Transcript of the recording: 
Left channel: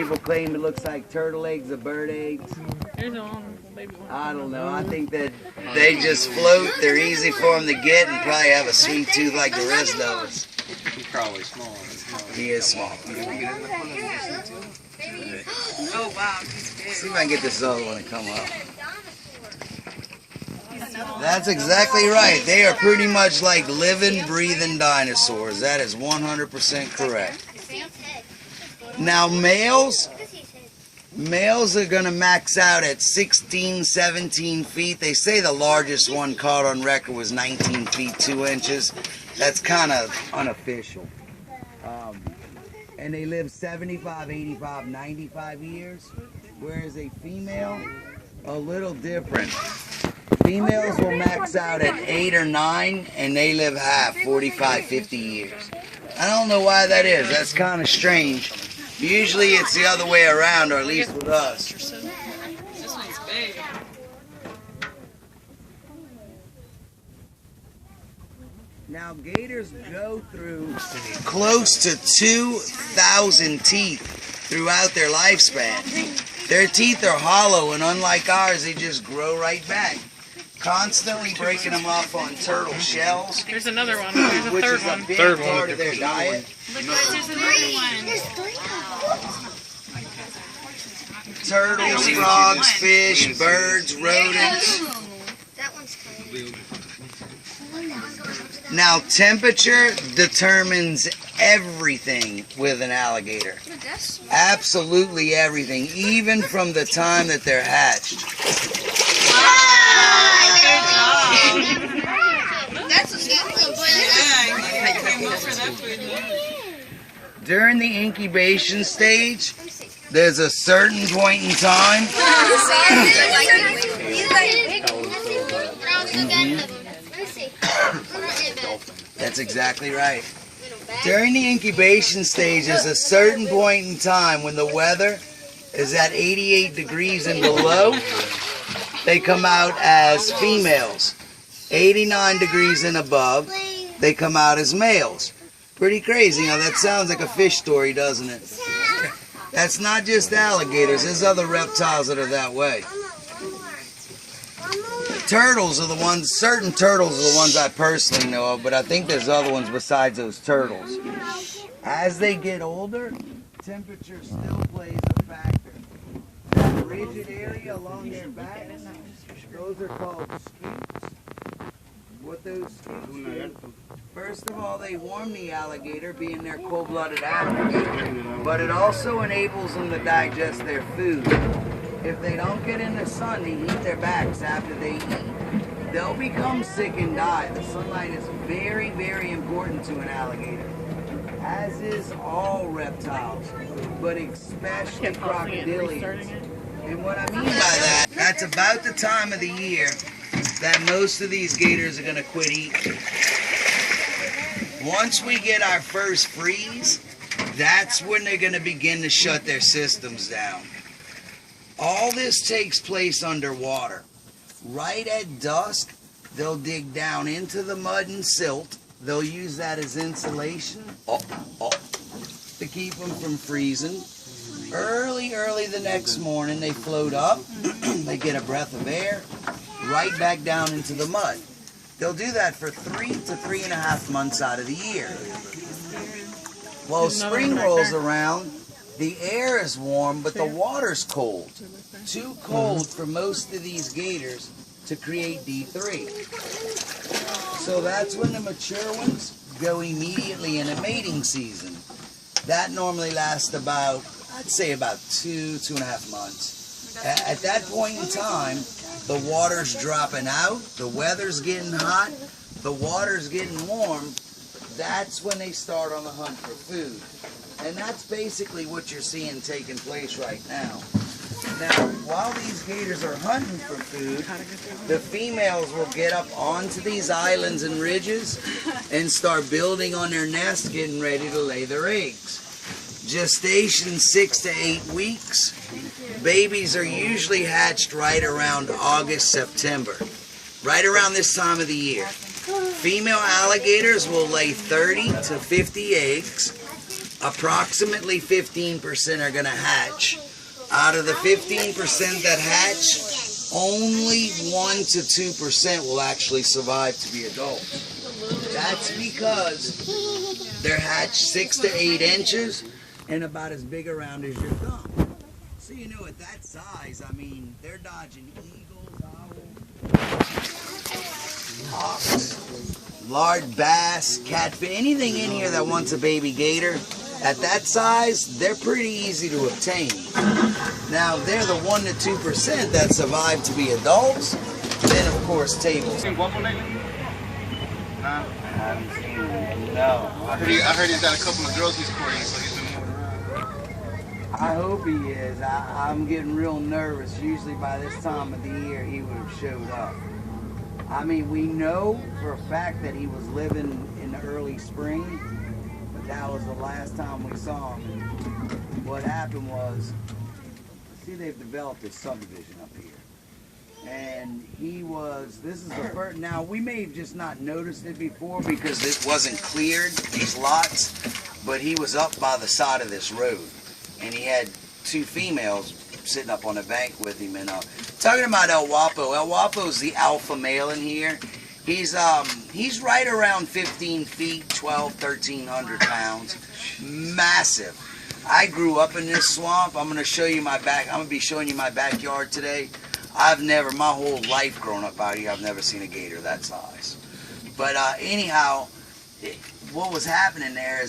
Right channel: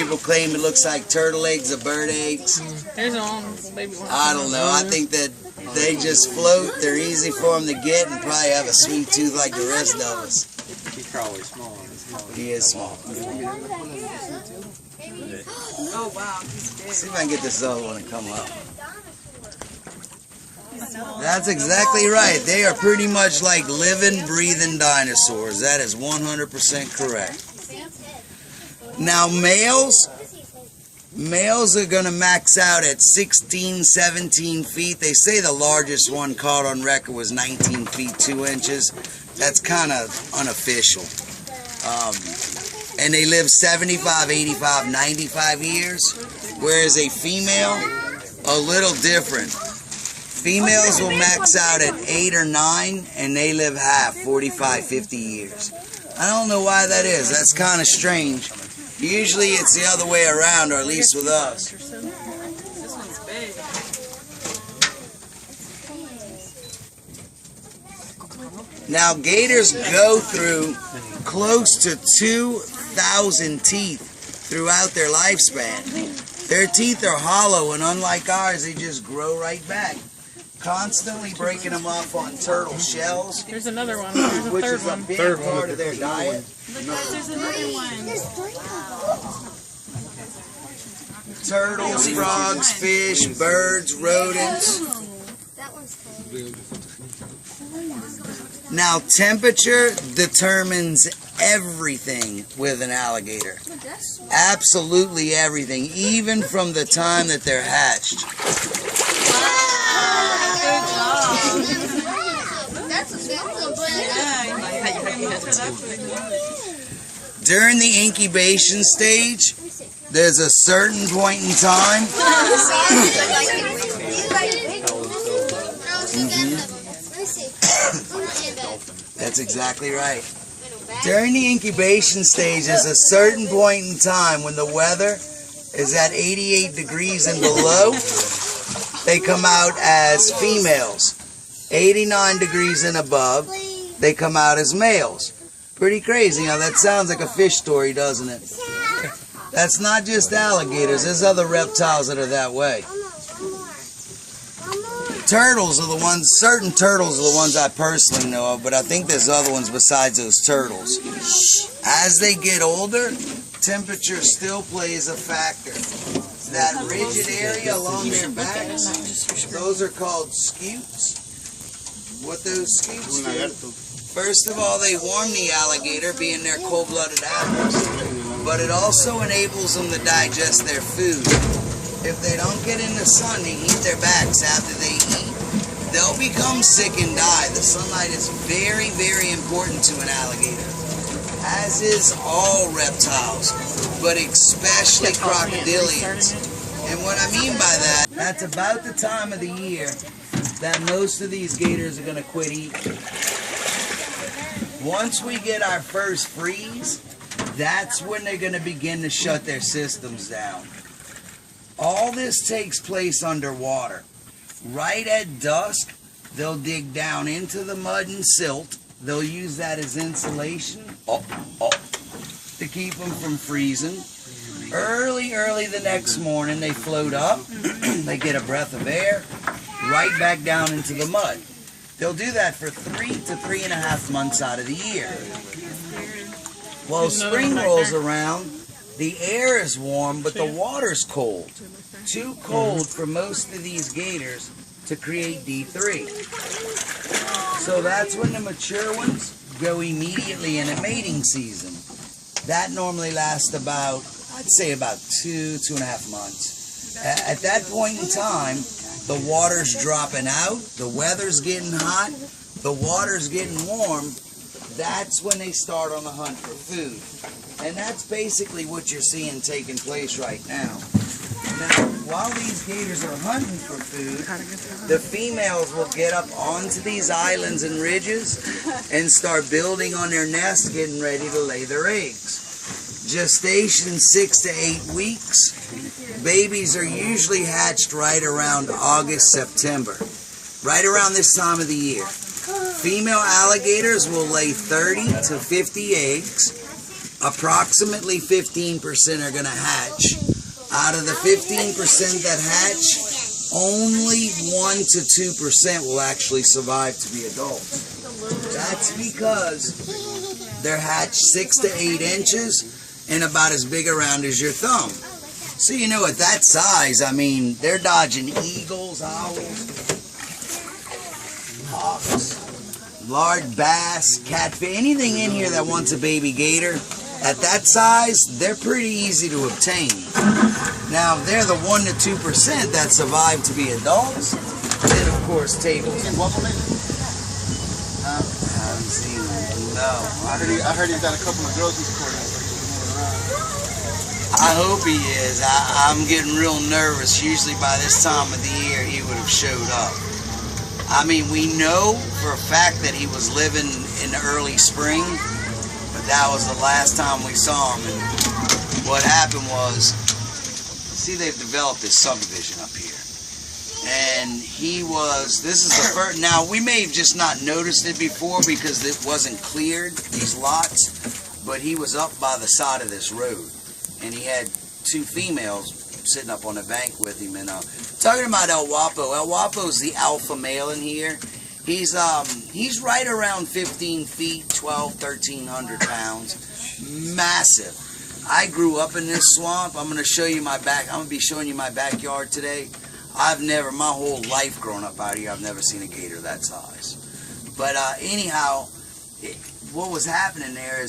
People claim it looks like turtle eggs or bird eggs. There's one baby one. I don't know. I think that they just float. They're easy for them to get and probably have a sweet tooth like the rest of us. He's probably small. He is small. Oh wow, he's big. See if I can get this other one to come up. That's exactly right. They are pretty much like living, breathing dinosaurs. That is 100% correct. Now males are going to max out at 16, 17 feet. They say the largest one caught on record was 19 feet 2 inches. That's kind of unofficial. And they live 75, 85, 95 years. Whereas a female, a little different. Females will max out at 8 or 9, and they live half, 45, 50 years. I don't know why that is. That's kind of strange. Usually it's the other way around, or at least with us. This one's big. Now, gators go through close to 2,000 teeth throughout their lifespan. Their teeth are hollow, and unlike ours, they just grow right back. Constantly breaking them off on turtle shells. There's another one. There's a which third is a one. big Third part one. of their diet. Look, there's another one. Turtles, frogs, fish, birds, rodents. Now, temperature determines everything with an alligator. Absolutely everything, even from the time that they're hatched. During the incubation stage, there's a certain point in time. That's exactly right. During the incubation stage, there's a certain point in time when the weather is at 88 degrees and below. They come out as females. 89 degrees and above, they come out as males. Pretty crazy. Now that sounds like a fish story, doesn't it? That's not just alligators. There's other reptiles that are that way. Turtles are the ones, certain turtles are the ones I personally know of, but I think there's other ones besides those turtles. As they get older, temperature still plays a factor. That rigid area along their backs, those are called scutes. What those scutes do, first of all, they warm the alligator, being they're cold-blooded animals, but it also enables them to digest their food. If they don't get in the sun to heat their backs after they eat, they'll become sick and die. The sunlight is very, very important to an alligator, as is all reptiles, but especially crocodilians. And what I mean by that, that's about the time of the year that most of these gators are going to quit eating. Once we get our first freeze, that's when they're going to begin to shut their systems down. All this takes place underwater. Right at dusk, they'll dig down into the mud and silt. They'll use that as insulation to keep them from freezing. Early the next morning, they float up. They get a breath of air, right back down into the mud. They'll do that for 3 to 3.5 months out of the year. Well, spring rolls around, the air is warm, but the water's cold. Too cold for most of these gators to create D3. So that's when the mature ones go immediately in a mating season. That normally lasts about, I'd say about 2.5 months. At that point in time, the water's dropping out, the weather's getting hot, the water's getting warm. That's when they start on the hunt for food. And that's basically what you're seeing taking place right now. Now, while these gators are hunting for food, the females will get up onto these islands and ridges and start building on their nest, getting ready to lay their eggs. Gestation 6 to 8 weeks. Babies are usually hatched right around August, September, right around this time of the year. Female alligators will lay 30 to 50 eggs. approximately 15% are going to hatch. Out of the 15% that hatch, only 1 to 2% will actually survive to be adults. That's because they're hatched 6 to 8 inches and about as big around as your thumb. So you know, at that size, I mean, they're dodging eagles, owls, hawks, large bass, catfish, anything in here that wants a baby gator. At that size, they're pretty easy to obtain. Now, they're the 1 to 2% that survive to be adults. Then, of course, tables. You seen Buffalo Nigga? I haven't seen him. No. I heard he's got a couple of girls he's courting, so he's been moving around. I hope he is. I'm getting real nervous. Usually by this time of the year, he would have showed up. I mean, we know for a fact that he was living in the early spring, but that was the last time we saw him. And what happened was, see, they've developed this subdivision up here. And this is the first, now we may have just not noticed it before because it wasn't cleared, these lots, but he was up by the side of this road. And he had 2 females sitting up on the bank with him. And talking about El Guapo's the alpha male in here. He's right around 15 feet, 1,300 pounds. Massive. I grew up in this swamp. I'm going to be showing you my backyard today. My whole life growing up out here, I've never seen a gator that size. But anyhow, what was happening there is